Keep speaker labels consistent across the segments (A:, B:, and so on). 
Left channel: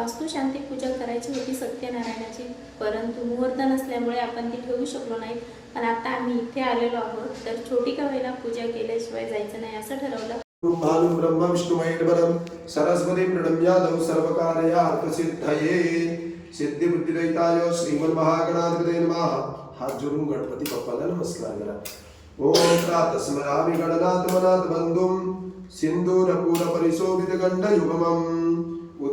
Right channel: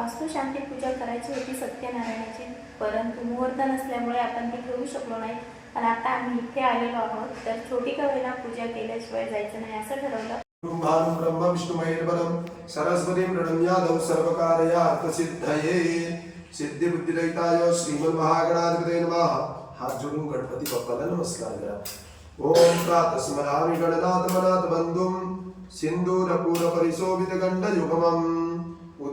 A: वास्तुशांती पूजा करायची होती सत्यनारायणाची. परंतु मुहूर्त नसल्यामुळे आपण ती ठेवू शकलो नाही. पण आता आम्ही इथे आलेलो आहोत. तर छोटी का पूजा केल्याशिवाय जायचं नाही असं ठरवलं.
B: ब्रह्मानु ब्रह्म विष्णु महेश्वरम सरस्वती प्रणम्यादौ सर्वकार्यार्थसिद्धये सिद्धी बुद्धिरहिताय श्रीमन महागणाधिपते नमः। हात जोडून गणपती बाप्पाला नमस्कार। करा ओम प्रातस्मरामि गणनाथ मनाथ बंधुम सिंधूरपूर परिशोभित गंड युगमम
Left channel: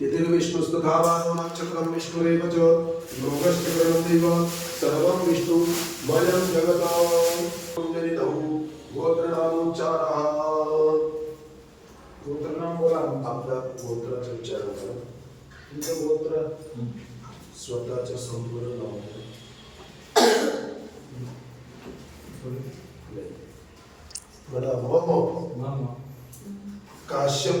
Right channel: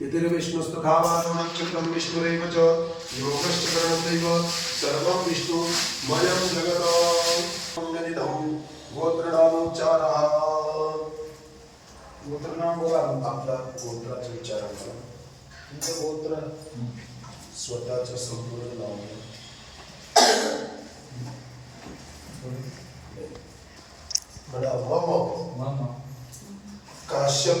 B: यतिर्विष्णुस्तुखावान्नक्षत्रं विष्णुरेव च योगश्च करणदैव सर्वं विष्णुमयं जगता गोत्रनामोच्चारः
C: गोत्रनाम बोला
B: आपला गोत्राचं उच्चारण करा
C: तुमचं गोत्र
B: स्वतःचं संपूर्ण नाव म्हणा मम काश्यप।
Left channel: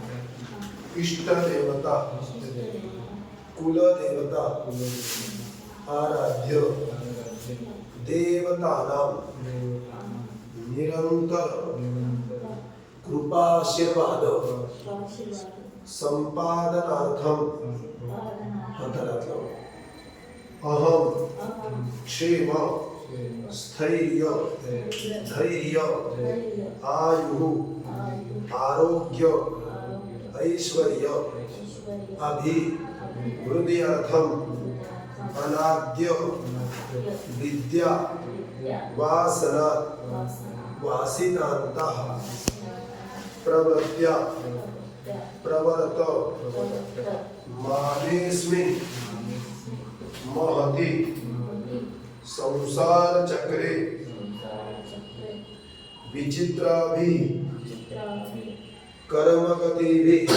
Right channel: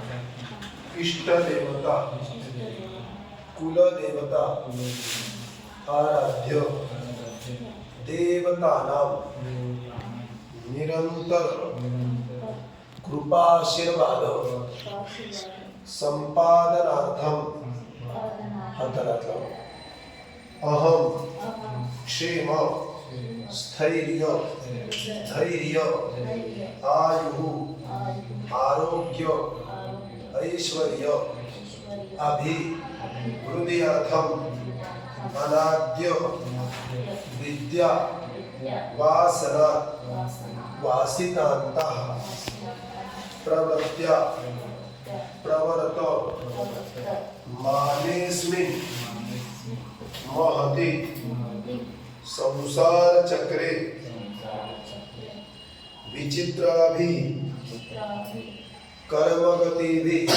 B: प्राप्त्यर्थम इष्टदेवता कुलदेवता आराध्य देवतानां निरंतर कृपाशीर्वाद संपादनार्थम हातारात. अहम क्षेम, स्थैर्य, धैर्य, आयु आरोग्य ऐश्वर्य अभिवृद्ध्यर्थम अनाद्य विद्या वासना वासितांत प्रवृत्त्या प्रवर्त। मानेस्मिन्। महति। संसार चक्रे विचित्राभि। कर्मगतिभिः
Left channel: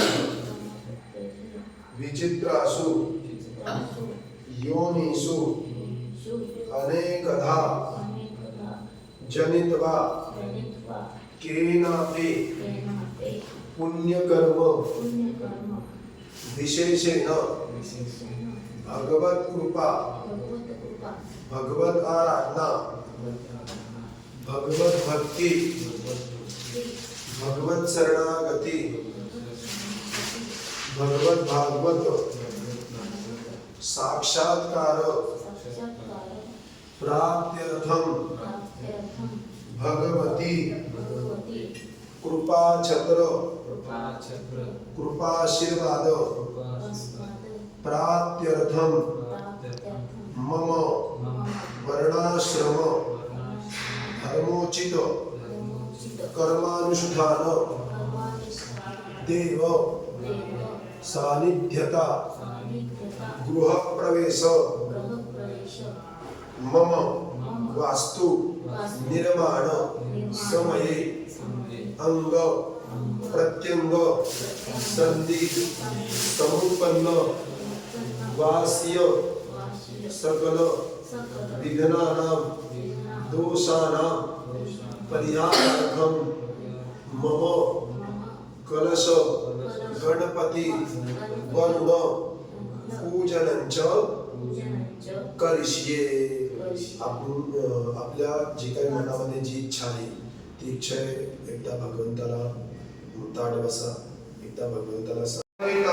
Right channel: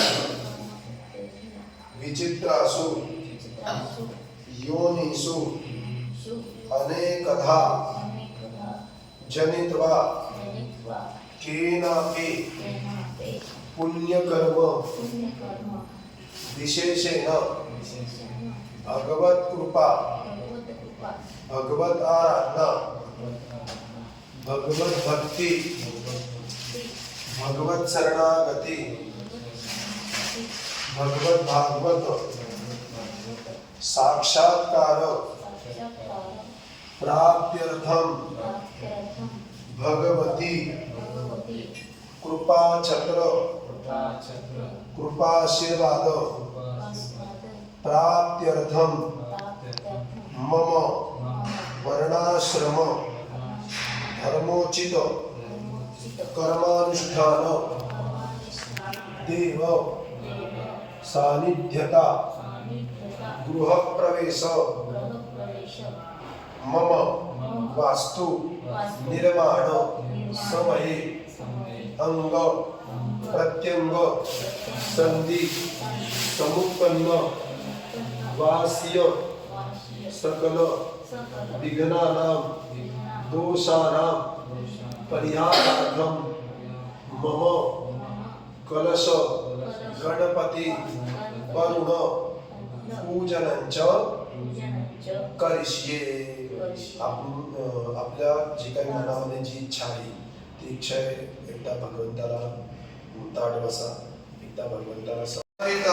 B: विचित्रासु योनिषु अनेकधा जनित्वा केनापि पुण्यकर्म विशेषेण भगवत कृपा भगवत आराधना भगवत भक्ति ભગવત શરણાગતિ. ભગવત ભાગવત. સાક્ષાત્કાર. પ્રાપ્યર્થમ. ભગવતી. કૃપા છત્ર. કૃપાશીર્વાદ. પ્રાપ્યર્થમ. મમ. વર્ણાશ્રમ. ધર્મોચિત. कर्मानुष्ठान। देव। सानिध्यता। गृह प्रवेश मम। वास्तु। निर्माण समये। अंग। प्रत्यंग। संधि। समुत्पन्न। वास्य। सकल विघ्नानां, दोषानां, परिहारार्थं मम कलश, गणपती, वरुण पूजनंच करिष्ये। आपण आपल्या जी काही मनामध्ये जी इच्छा आहे, ती इच्छा एकदा भगवंताला ताट बसा, एकदा भगवंताला साहितं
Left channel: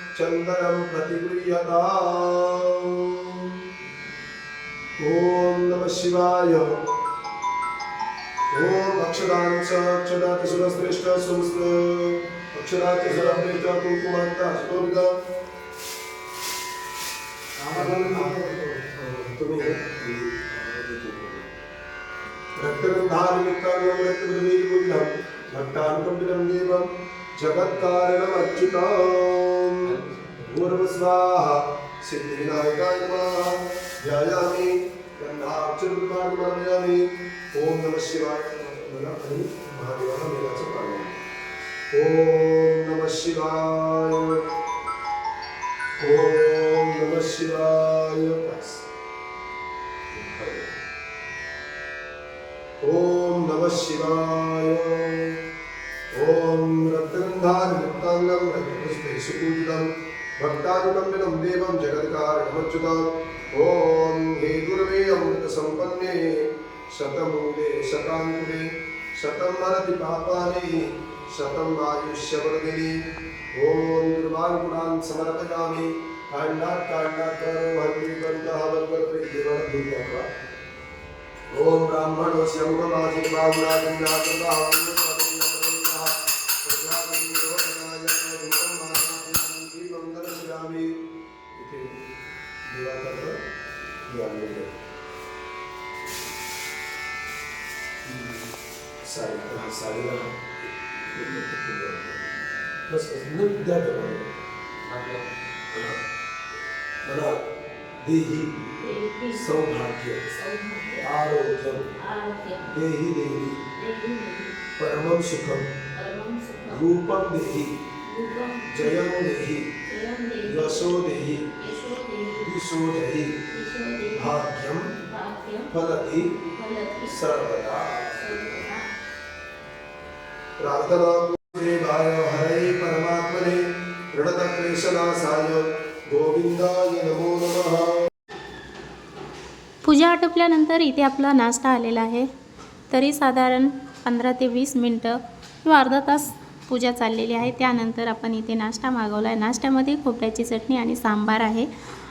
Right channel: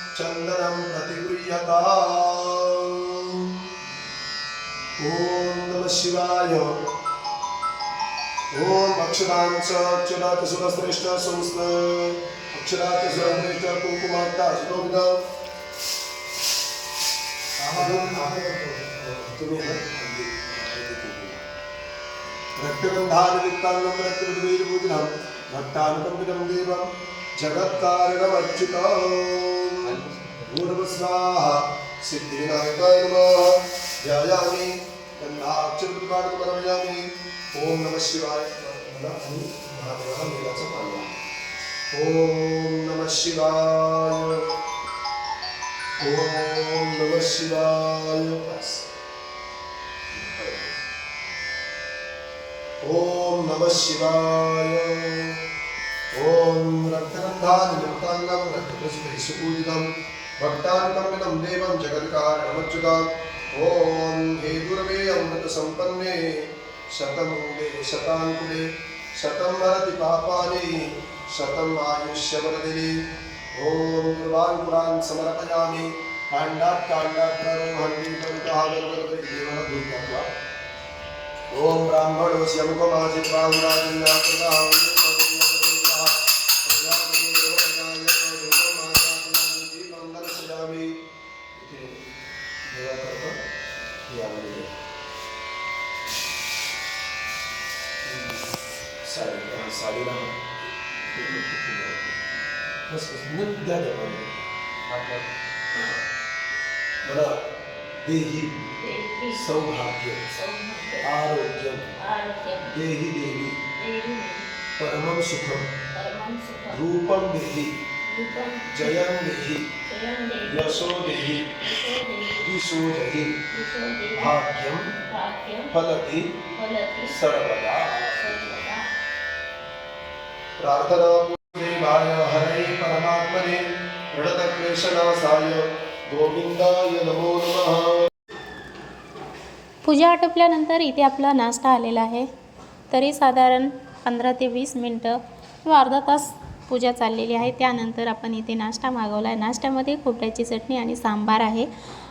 B: चन्दनं प्रतिगृह्यता। ॐ नमः शिवाय। ॐ अक्षरात सुरश्रेष्ठ कुंकुमाता सुतोविद तुम्ही ना? रक्तगन्धादियुक्ताङ्गं रक्तविद्वीर्बुद्धं भक्तानुकम्पितं देवं जगत्कारणमर्चितम् पूर्वस्वाहा सिद्धिविनायकाय नमः ध्यायामि गन्धाक्षरकृपाणि समर्पयामि ॐ नमः शिवाय मला आणि महादेवाला मेलाचं पाणी ॐ नमः शिवाय ॐ नमः शिवाय बस. ॐ नमः शिवाय ॐ रक्तगन्धादिमुक्ताङ्गं रक्तपुष्पैः सुपूजितं भक्तानुकम्पितं देवं जगत्कारणमच्युतम् ॐ हे दुर्वे अमृतसम्पन्ने शतमूले शताङ्कुले शतं मरति पापानि शतम् आयुष्यवर्धिनि ॐ दुर्वाङ्कुरान् समर्पयामि काण्डात् काण्डात् प्ररोहन्ति प्रन्तः वर्गवते देवनभूतका ॐ ब्राह्मणोऽस्य मुखमासि दीपं साडी साडीला बस बस द्या द्या मला. मला देही सौभाग्य
A: आरोग्य
B: देहि देवी परमं सुखं।
A: परमं सुखं।
B: रूपं देहि। जयं देहि। यशो देहि। दिशो देहि।
A: यशो देवी
B: भाग्यं।
A: भाग्यं।
B: फलति। सर्वदा। प्रार्थना देवाय हरे परमात्मने प्रणतक्लेशनाशाय गोविंदाय नमो नमः.
A: पूजा आटोपल्यानंतर इथे आपला नाश्ता आलेला आहे. तरी साधारण पंधरा ते वीस मिनटं किंवा अर्धा तास पूजा चाललेली आहे. त्यानंतर आपण इथे नाश्ता मागवला आहे नाश्त्यामध्ये खोबऱ्याची चटणी आणि सांबार आहे.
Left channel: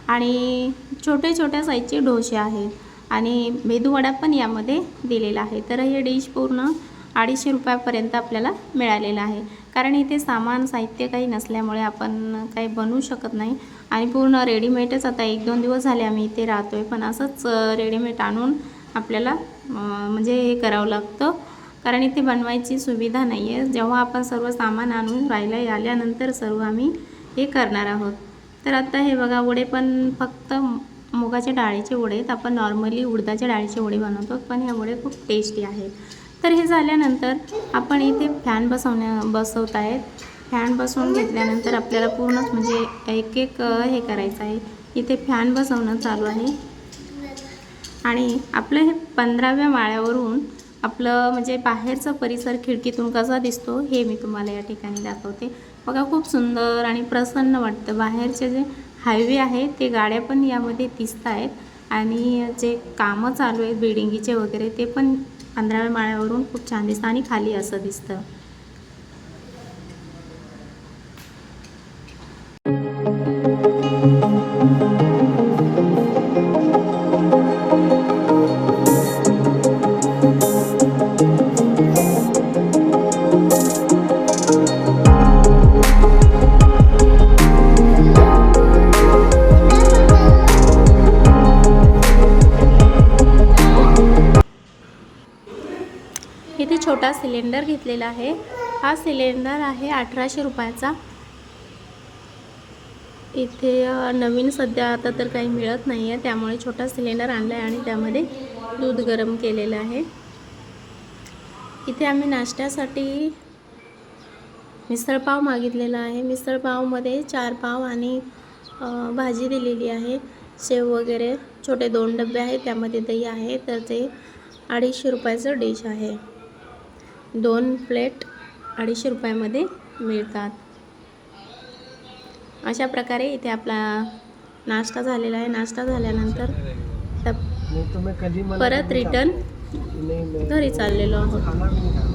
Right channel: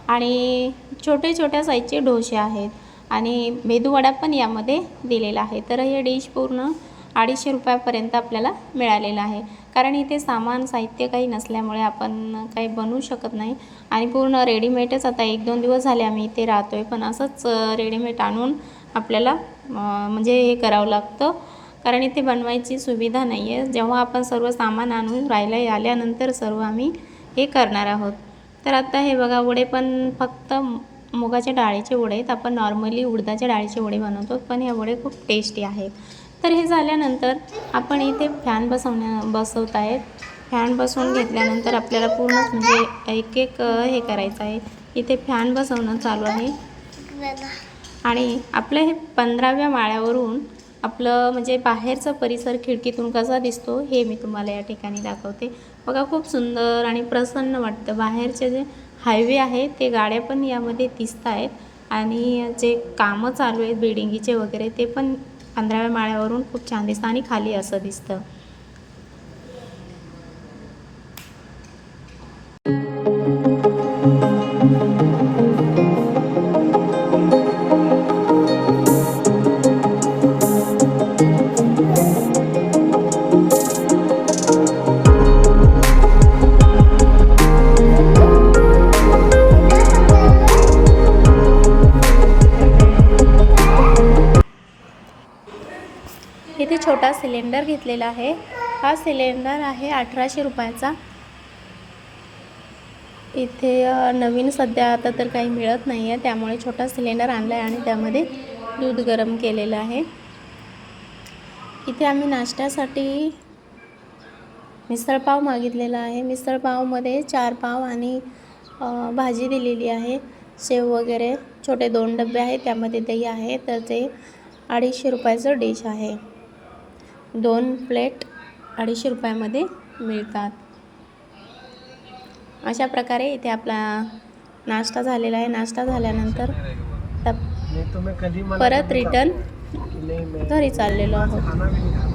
A: आणि छोटे छोट्या साईजचे डोसे आहेत. आणि मेदूवडा पण यामध्ये दिलेला आहे. तर हे डिश पूर्ण अडीचशे रुपयापर्यंत आपल्याला मिळालेलं आहे. कारण इथे सामान साहित्य काही नसल्यामुळे आपण काही बनवू शकत नाही. आणि पूर्ण रेडीमेडच आता एक दोन दिवस झाले आम्ही इथे राहतो आहे पण असंच रेडीमेड आणून आपल्याला म्हणजे हे करावं लागतं. कारण इथे बनवायची सुविधा नाही आहे जेव्हा आपण सर्व सामान आणून राहिलं आल्यानंतर सर्व आम्ही हे करणार आहोत. तर आता हे बघा वडे पण फक्त मुगाच्या डाळीचे वडे आहेत. आपण नॉर्मली उडदाच्या डाळीचे वडे बनवतो. पण हे वडे खूप टेस्टी आहेत. तर हे झाल्यानंतर आपण इथे फॅन बसवण्या बसवत आहेत. फॅन बसवून घेतल्यानंतर आपल्याला पूर्णच म्हणजे एक एक हे करायचं आहे. इथे फॅन बसवणं चालू आहे. आणि आपलं हे पंधराव्या माळ्यावरून आपलं म्हणजे बाहेरचा परिसर खिडकीतून कसा दिसतो. हे मी तुम्हाला या ठिकाणी दाखवते. बघा खूप सुंदर आणि प्रसन्न वाटतं. बाहेरचे जे हायवे आहे ते गाड्या पण यामध्ये दिसत आहेत आणि जे कामं चालू आहेत बिल्डिंगीचे वगैरे ते पण पंधराव्या माळ्यावरून खूप छान दिसतं आणि खाली असं दिसतं. छोटा सिलेंडर घेतलेला आहे. हा सिलेंडर आहे अठराशे रुपयाचा. इथे नवीन सध्या आता तर काही मिळत नाही आहे त्यामुळे छोटा सिलेंडर आणला आहे आणि त्यामध्ये दूध गरम केलेलं आहे. इथे आम्ही नाश्त्यासाठी मिसळपाव मागितलेला आहे. मिसळपावमध्ये चार पाव आणि भाजी दिलेली आहे. शेव वगैरे छोटे दोन डबे आहेत. त्यामध्ये दही आहे. तर ते अडीचशे रुपयाचं डिश आहे. दोन प्लेट अडीचशे रुपयामध्ये मिळतात. अशा प्रकारे इथे आपला नाश्ता झालेला आहे. नाश्ता झाल्यानंतर परत रिटर्न घरी चाललेलो आहोत.